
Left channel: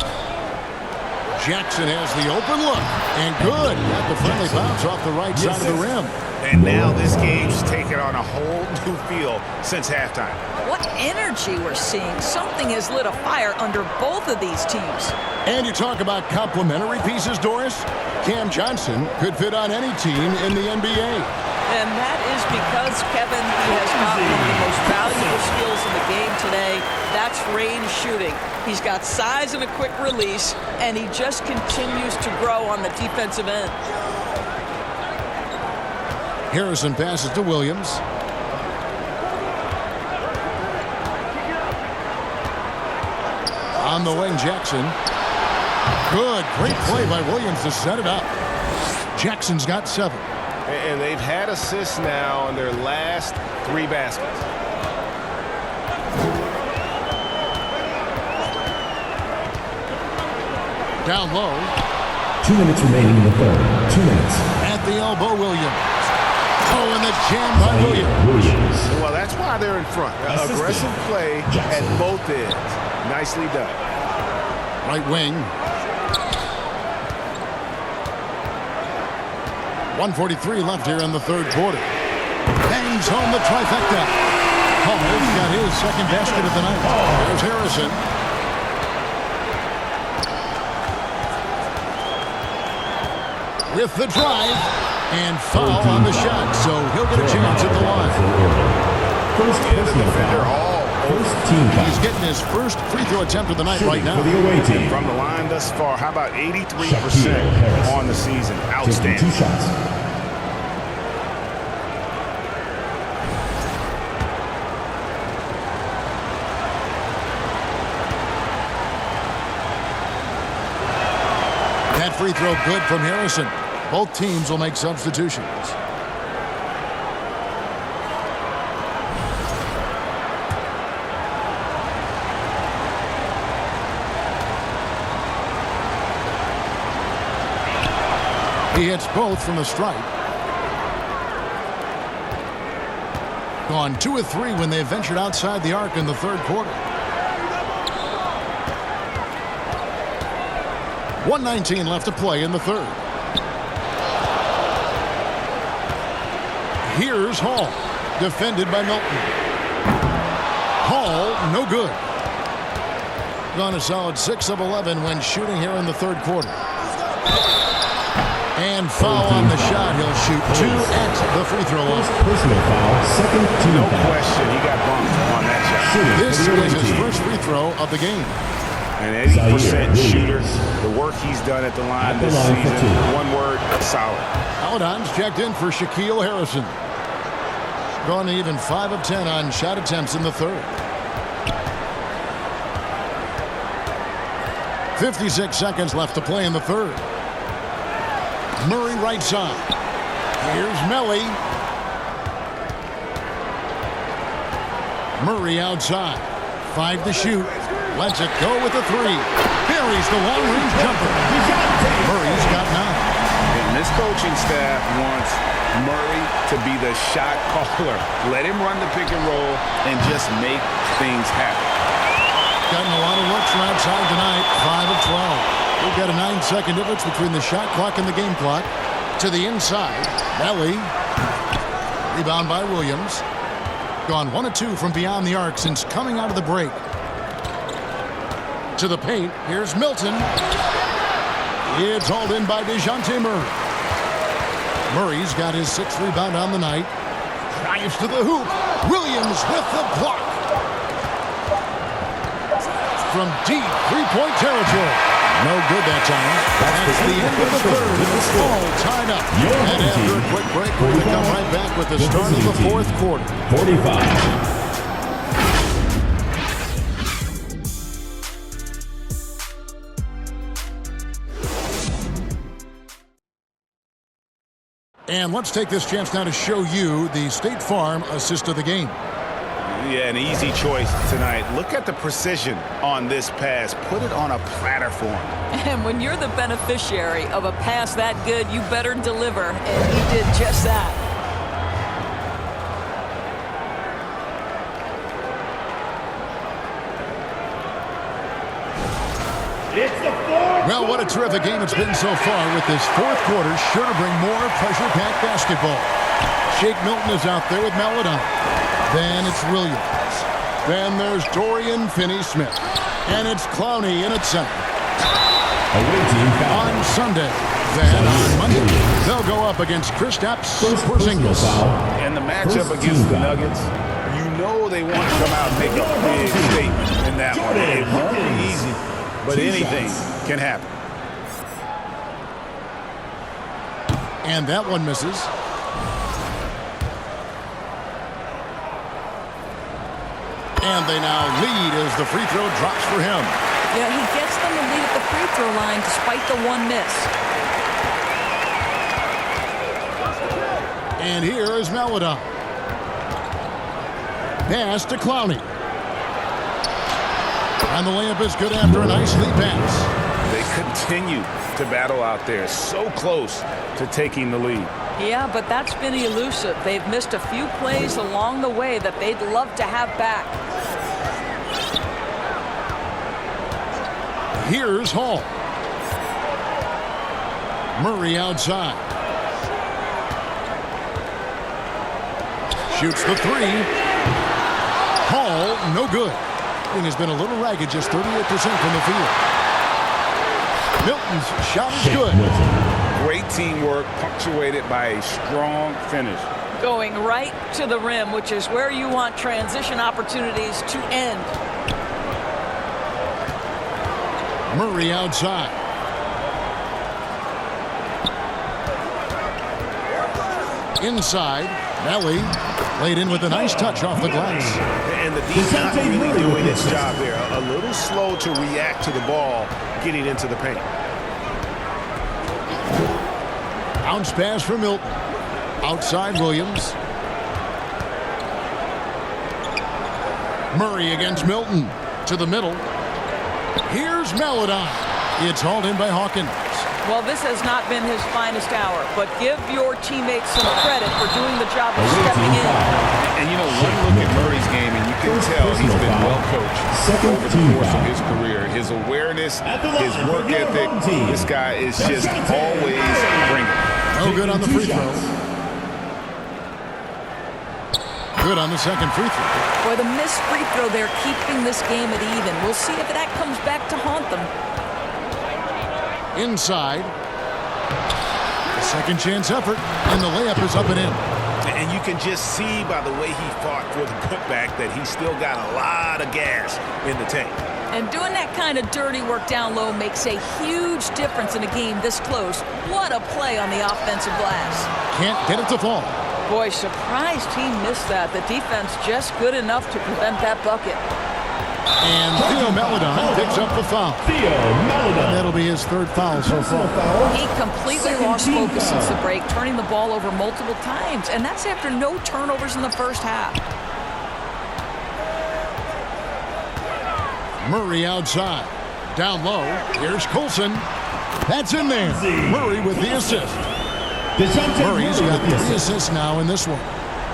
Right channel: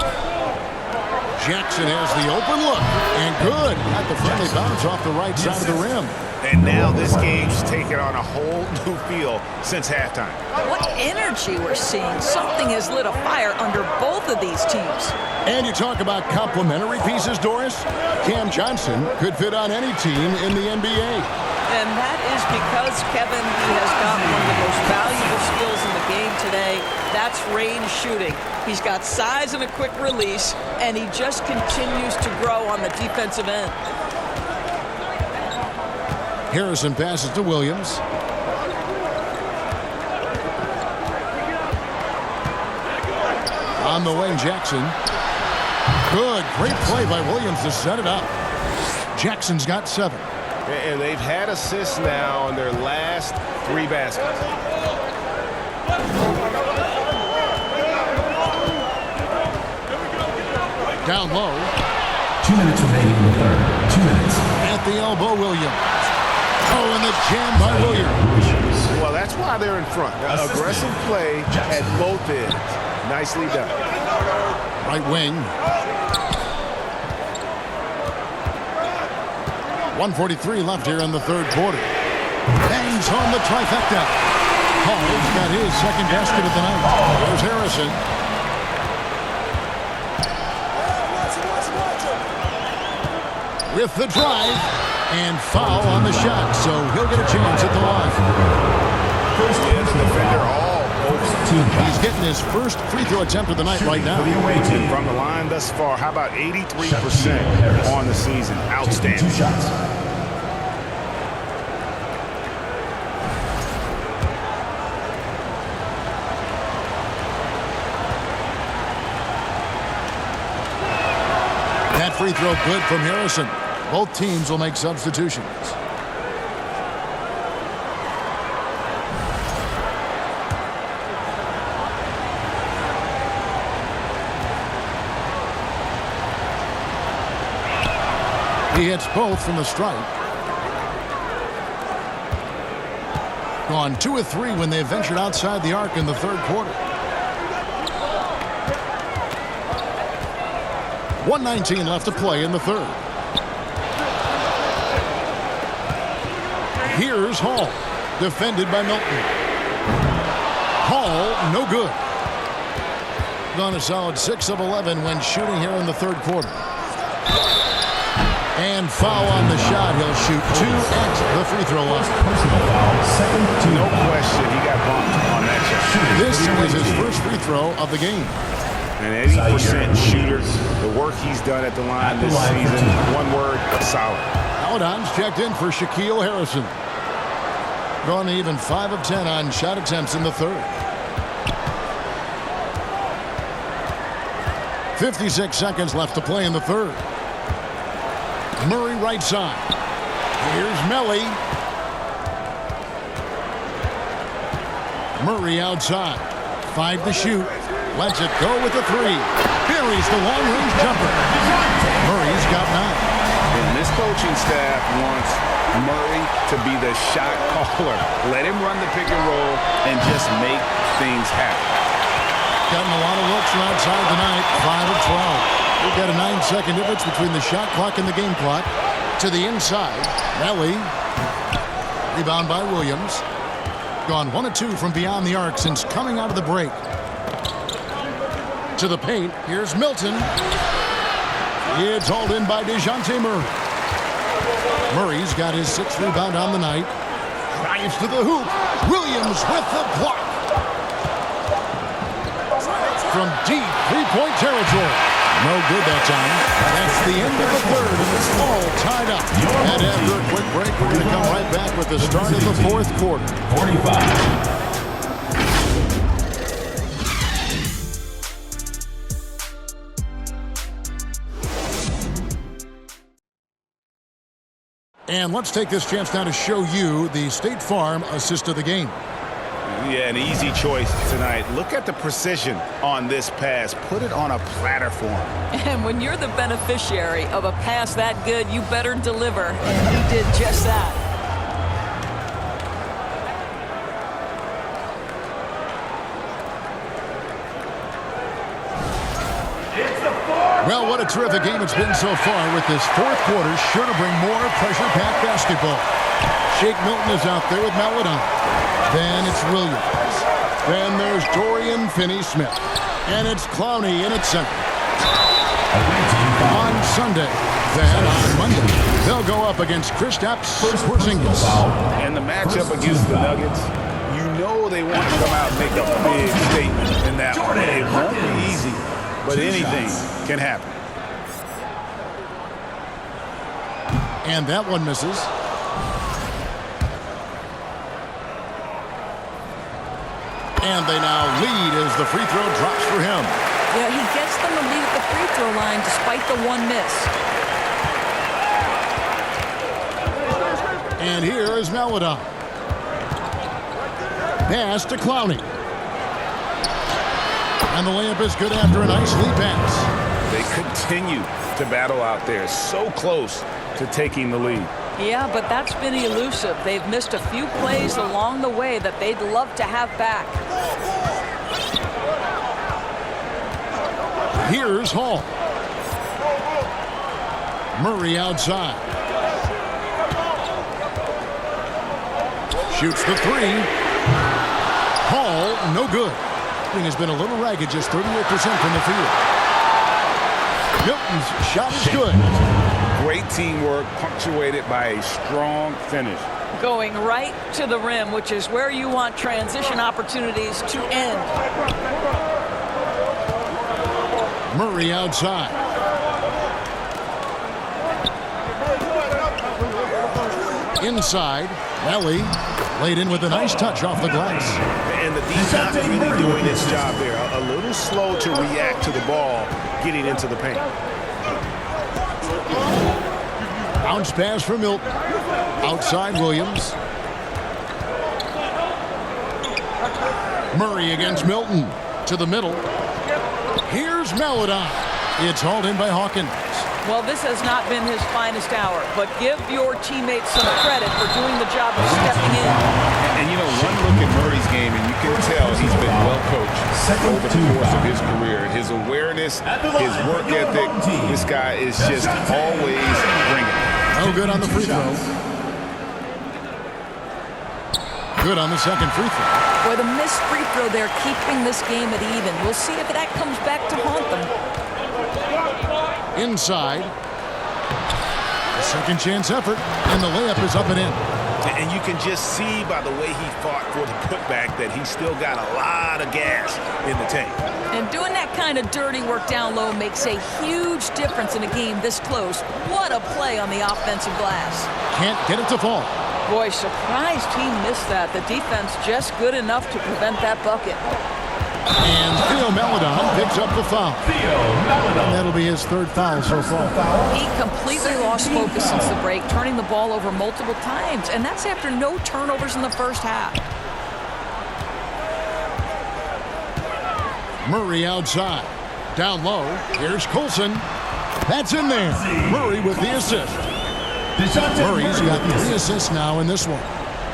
Jackson has the open look, and good. Got the friendly bounce off the right side of the rim. And now this game's taken on a whole new feel since halftime. What energy we're seeing. Something has lit a fire under both of these teams. And you talk about complementary pieces, Doris. Cam Johnson could fit on any team in the NBA. And that is because, Kevin, he has got one of the most valuable skills in the game today. That's range shooting. He's got size and a quick release, and he just continues to grow on the defensive end. Harrison passes to Williams. On the wing, Jackson. Good, great play by Williams to set it up. Jackson's got 7. And they've had assists now on their last 3 baskets. Down low. 2 minutes remaining in the third. 2 minutes. At the elbow, Williams. Oh, and the jam by Williams. Well, that's why they're in front. Aggressive play at both ends. Nicely done. Right wing. 1:43 left here in the third quarter. Bangs home the trifecta. Hall's got his second basket of the night. There's Harrison. With the drive and foul on the shot, so he'll get a chance at the line. The defender all over. He's getting his first free throw attempt of the night right now. And from the line thus far, how about 83% on the season? Outstanding. 2 shots. That free throw good from Harrison. Both teams will make substitutions. He hits both from the stripe. Gone 2 of 3 when they ventured outside the arc in the third quarter. 1:19 left to play in the third. Here's Hall, defended by Milton. Hall, no good. Gone a solid 6 of 11 when shooting here in the third quarter. And foul on the shot. He'll shoot 2 at the free throw line. Personal foul, second team No foul. question, he got bumped on that shot. This is his first free throw of the game. An 80% shooter. The work he's done at the line this season, one word, solid. Paladins checked in for Shaquille Harrison. Gone even 5 of 10 on shot attempts in the third. 56 seconds left to play in the third. Murray right side. Here's Melly. Murray outside. 5 to shoot. Lets it go with a 3. Buries the long-range jumper. Murray's got 9. And this coaching staff wants Murray to be the shot caller. Let him run the pick and roll and just make things happen. Gotten a lot of looks from outside tonight. 5 of 12. We've got a 9-second difference between the shot clock and the game clock. To the inside. Melly. Rebound by Williams. Gone 1 of 2 from beyond the arc since coming out of the break. To the paint. Here's Milton. It's hauled in by DeJounte Murray. Murray's got his 6th rebound on the night. Drives to the hoop. Williams with the block. From deep three-point territory. No good that time. That's the end of the third, and it's all tied up. And after a quick break, we're going to come right back with the start of the fourth quarter. 45. And let's take this chance now to show you the State Farm assist of the game. Yeah, an easy choice tonight. Look at the precision on this pass. Put it on a platter for him. And when you're the beneficiary of a pass that good, you better deliver. And he did just that. Well, what a terrific game it's been so far, with this fourth quarter sure to bring more pressure-packed basketball. Shake Milton is out there with Maladon. Then it's Williams. Then there's Dorian Finney-Smith. And it's Clowney in at center. On Sunday. Then on Monday, they'll go up against Kristaps Porzingis. And the matchup against the Nuggets, you know they want to come out and make a big statement in that one. It won't be easy, but anything can happen. And that one misses. And they now lead as the free throw drops for him. You know, he gets them the lead at the free throw line despite the one miss. And here is Melodon. Pass to Clowney. And the layup is good after a nice lead pass. They continue to battle out there, so close to taking the lead. Yeah, but that's been elusive. They've missed a few plays along the way that they'd love to have back. Here's Hall. Murray outside. Shoots the three. Hall, no good. Thing has been a little ragged, just 38% from the field. Milton's shot is good. Great teamwork, punctuated by a strong finish. Going right to the rim, which is where you want transition opportunities to end. Murray outside. Inside, Melly laid in with a nice touch off the glass. And the D's not really doing its job there. A little slow to react to the ball getting into the paint. Bounce pass for Milton. Outside Williams. Murray against Milton. To the middle. Here's Melodon. It's hauled in by Hawkins. Well, this has not been his finest hour, but give your teammates some credit for doing the job of stepping in. And you know, one look at Murray's game, and you can tell he's been well coached over the course of his career. His awareness, his work ethic, this guy is just always bringing it. No good on the free throw. Good on the second free throw. Boy, the missed free throw there keeping this game at even. We'll see if that comes back to haunt them. Inside. A second chance effort, and the layup is up and in. And you can just see by the way he fought for the putback that he's still got a lot of gas in the tank. And doing that kind of dirty work down low makes a huge difference in a game this close. What a play on the offensive glass. Can't get it to fall. Boy, surprised he missed that. The defense just good enough to prevent that bucket. And Theo Melodon picks up the foul. And that'll be his third foul so far. He completely lost focus since the break, turning the ball over multiple times. And that's after no turnovers in the first half. Murray outside. Down low. Here's Colson. That's in there. Murray with the assist. Murray's got 3 assists now in this one.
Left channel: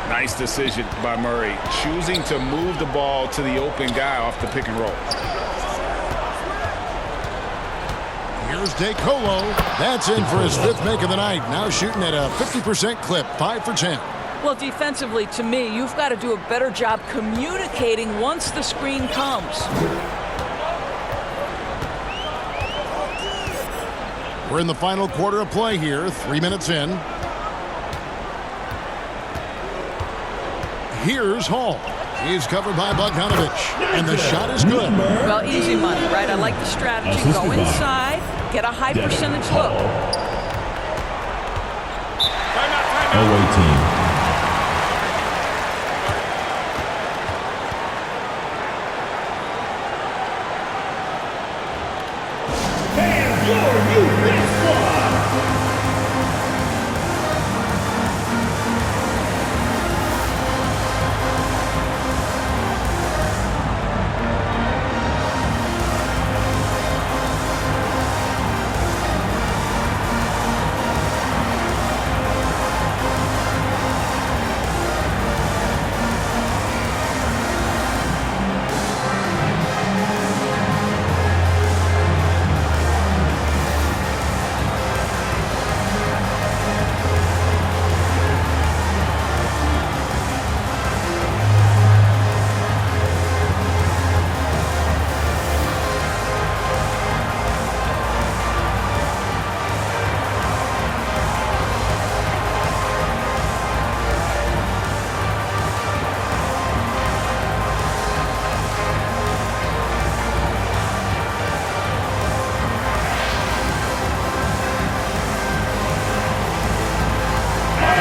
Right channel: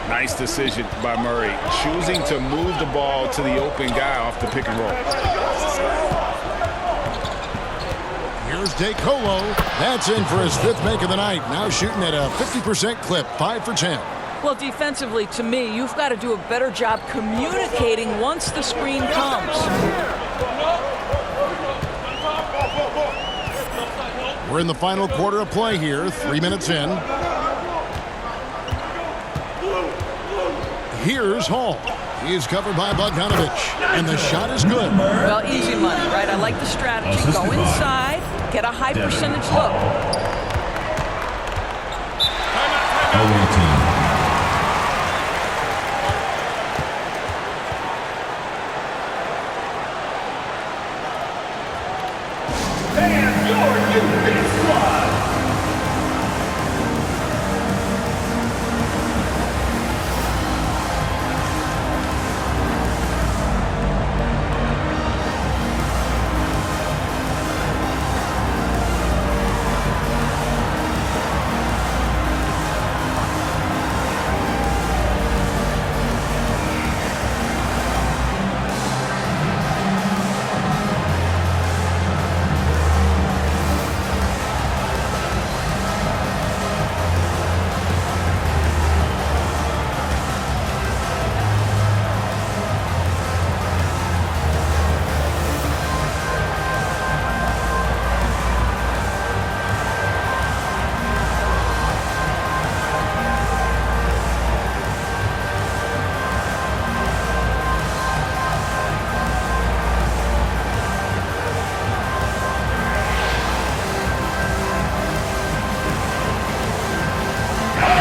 Nice decision by Murray, choosing to move the ball to the open guy off the pick and roll. Here's DeColo. That's in for his 5th make of the night. Now shooting at a 50% clip, 5 for 10. Well, defensively, to me, you've got to do a better job communicating once the screen comes. We're in the final quarter of play here, 3 minutes in. Here's Hall. He's covered by Bogdanovich, and the shot is good. Well, easy money, right? I like the strategy. Go inside, get a high percentage look. Timeout. Away team. Fans, your youth big squad.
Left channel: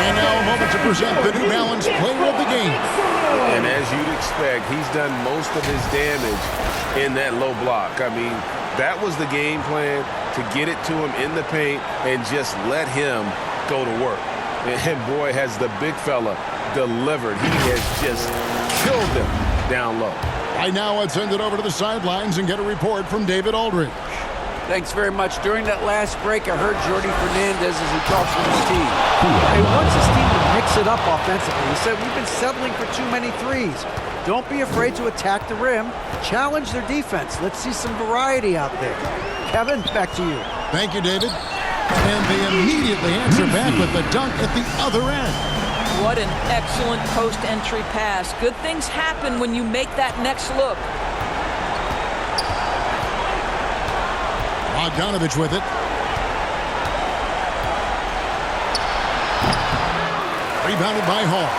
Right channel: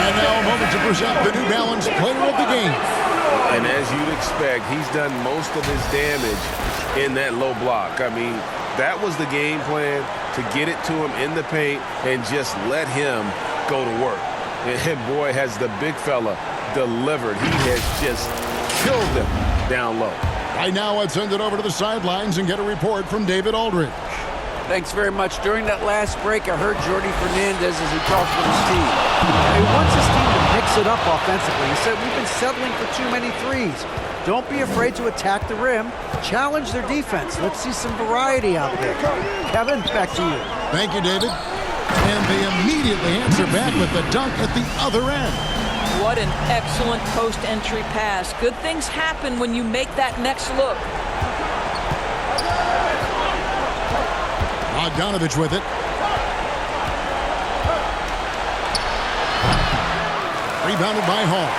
And now a moment to present the New Balance Player of the Game. And as you'd expect, he's done most of his damage in that low block. I mean, that was the game plan, to get it to him in the paint and just let him go to work. And boy, has the big fella delivered. He has just killed them down low. Right now, let's send it over to the sidelines and get a report from David Aldridge. Thanks very much. During that last break, I heard Jordi Fernandez as he talked with his team. He wants his team to mix it up offensively. He said, we've been settling for too many threes. Don't be afraid to attack the rim. Challenge their defense. Let's see some variety out there. Kevin, back to you. Thank you, David. And they immediately answer back with the dunk at the other end. What an excellent post-entry pass. Good things happen when you make that next look. Bogdanovich with it. Rebounded by Hall.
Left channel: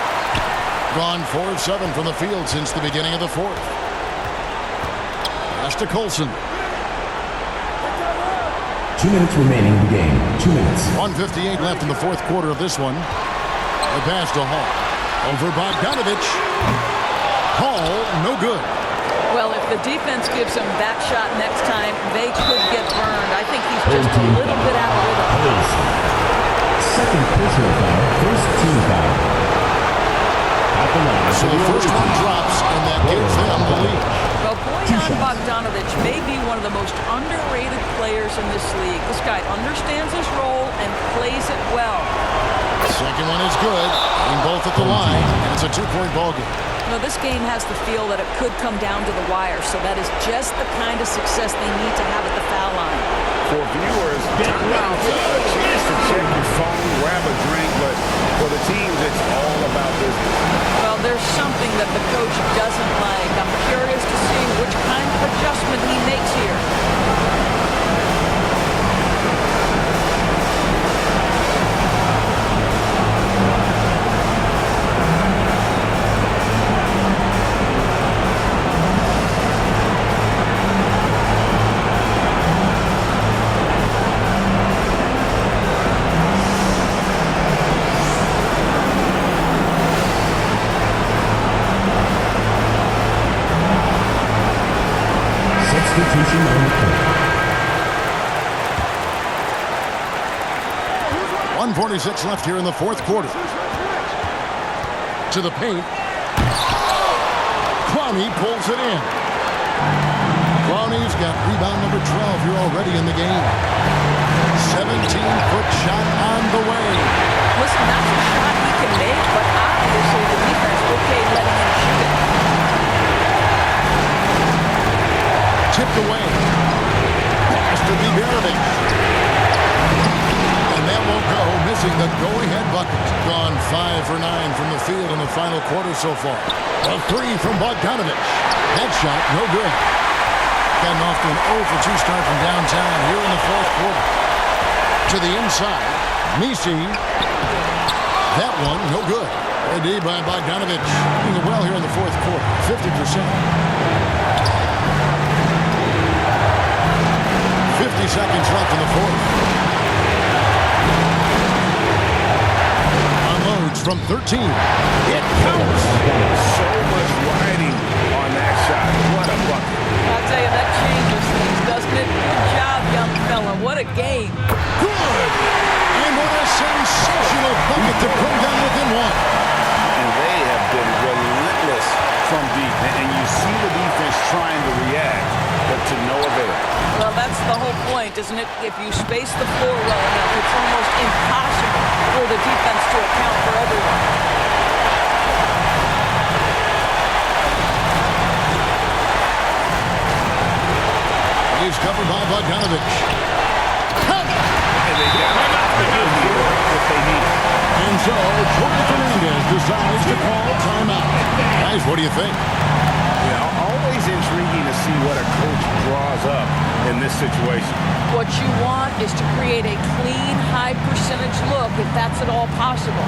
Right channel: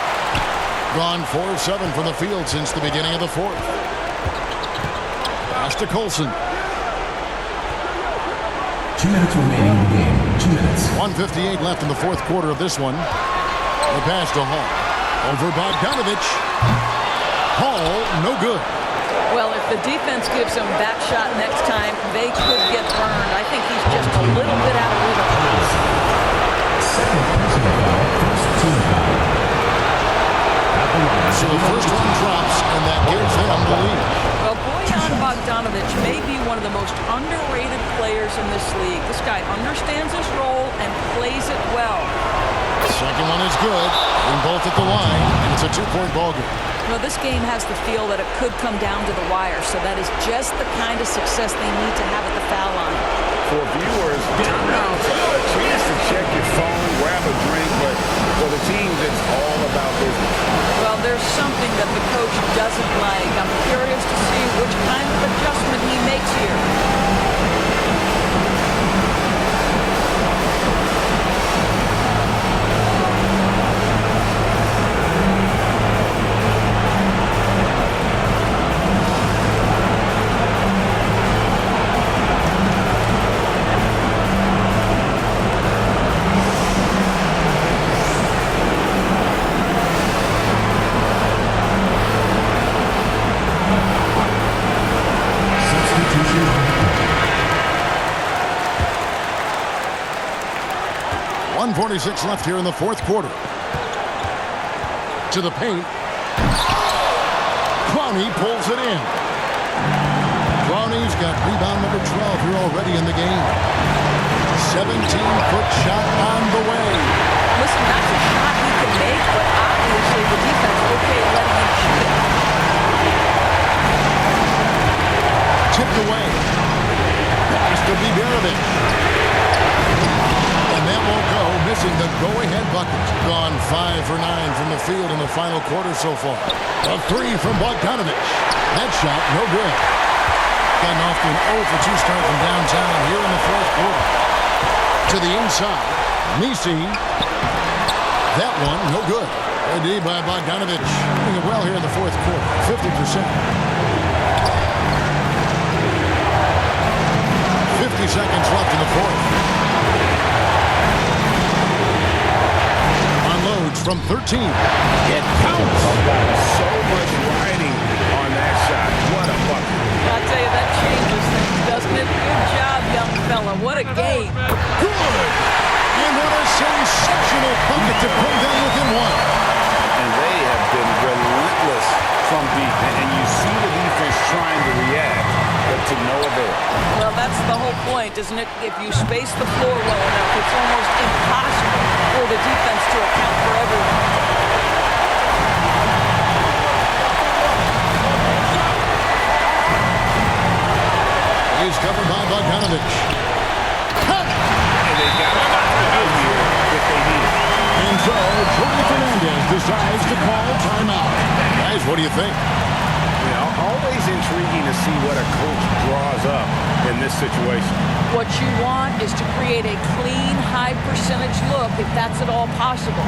Gone 4 of 7 from the field since the beginning of the fourth. Pass to Colson. 2 minutes remaining in the game. 2 minutes. 1:58 left in the fourth quarter of this one. The pass to Hall. Over Bogdanovich. Hall, no good. Well, if the defense gives him that shot next time, they could get burned. I think he's just a little bit out of rhythm. Second personal foul, first team foul. So the first one drops, and that gives them the lead. Well, Bojan Bogdanovich may be one of the most underrated players in this league. This guy understands his role and plays it well. The second one is good, hitting both at the line, and it's a 2-point ball game. Well, this game has the feel that it could come down to the wire, so that is just the kind of success they need to have at the foul line. For viewers, timeout's a chance to check your phone, grab a drink, but for the teams, it's all about business. Well, there's something that the coach doesn't like. I'm curious to see which kind of adjustment he makes here. Substitution on the court. 1:46 left here in the fourth quarter. To the paint. Clowney pulls it in. Clowney's got rebound number 12 here already in the game. 17-foot shot on the way. Listen, that's a shot he can make, but obviously the defense okay letting him shoot it. Tipped away. Pass to Biberovic. And that won't go, missing the go-ahead bucket. Gone 5 for 9 from the field in the final quarter so far. A 3 from Bogdanovich. That shot, no good. Gotten off to an 0 for 2 start from downtown here in the fourth quarter. To the inside, Misi. That one, no good. Great D by Bogdanovich. Doing well here in the fourth quarter, 50%. 50 seconds left in the fourth. Unloads from 13. It counts. So much riding on that shot. What a bucket. I'll tell you, that changes things, doesn't it? Good job, young fella. What a game. Good. And what a sensational bucket to bring them within one. And they have been relentless from deep. And you see the defense trying to react, but to no avail. Well, that's the whole point, isn't it? If you space the floor well enough, it's almost impossible for the defense to account for everyone. He's covered by Bogdanovich. And they've got a foul here if they need it. And so, Jordi Fernandez decides to call timeout. Guys, what do you think? Yeah, always intriguing to see what a coach draws up in this situation. What you want is to create a clean, high-percentage look, if that's at all possible.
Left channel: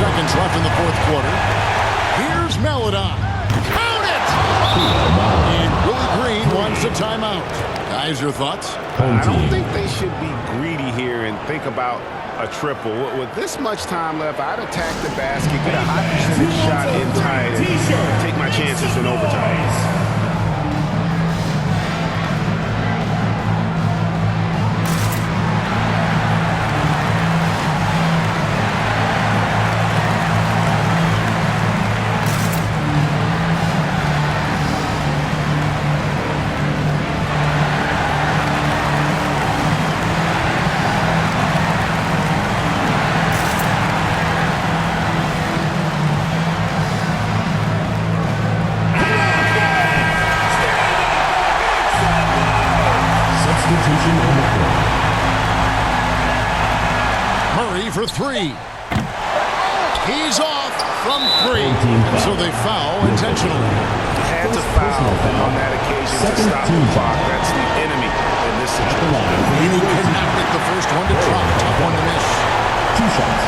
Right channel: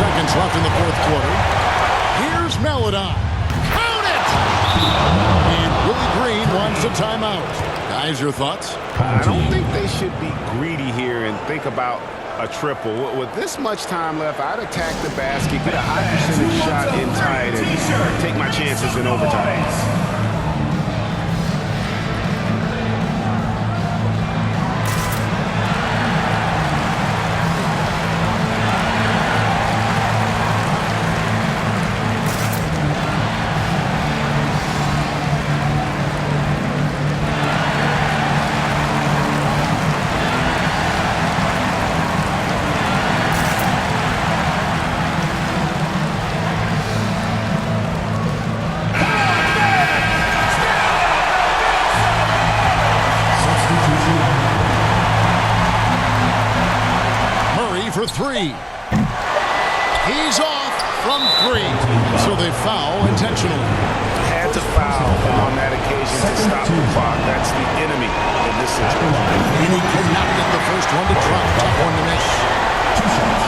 seconds left in the fourth quarter. Here's Meladon. Count it! And Willie Green wants a timeout. Guys, your thoughts? I don't think they should be greedy here and think about a triple. With this much time left, I'd attack the basket, get a high percentage shot in tight, and take my chances in overtime. Murray for three. He's off from three. And so they foul intentionally. Had to foul him on that occasion to stop the clock. That's the enemy in this situation. And he cannot get the first one to drop. Tough one to miss. 2 shots.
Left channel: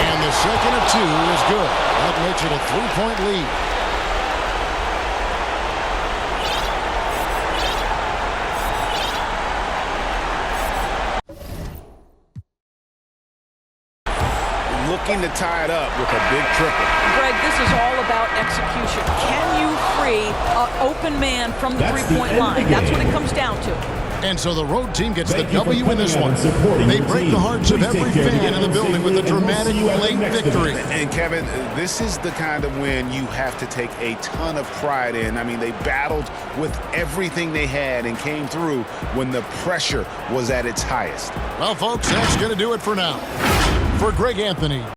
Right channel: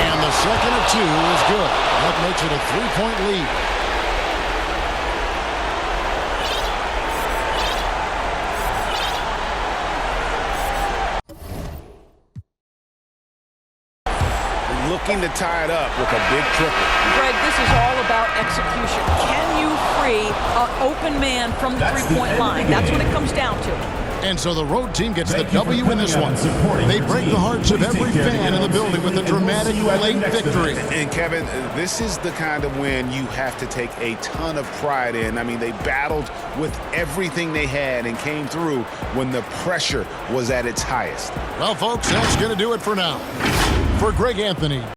And the second of two is good. That makes it a 3-point lead. Looking to tie it up with a big triple. Greg, this is all about execution. Can you free an open man from the three-point line? That's what it comes down to. And so the road team gets the W in this one. They break the hearts of every fan in the building with a dramatic late victory. And Kevin, this is the kind of win you have to take a ton of pride in. I mean, they battled with everything they had and came through when the pressure was at its highest. Well, folks, that's going to do it for now. For Greg Anthony,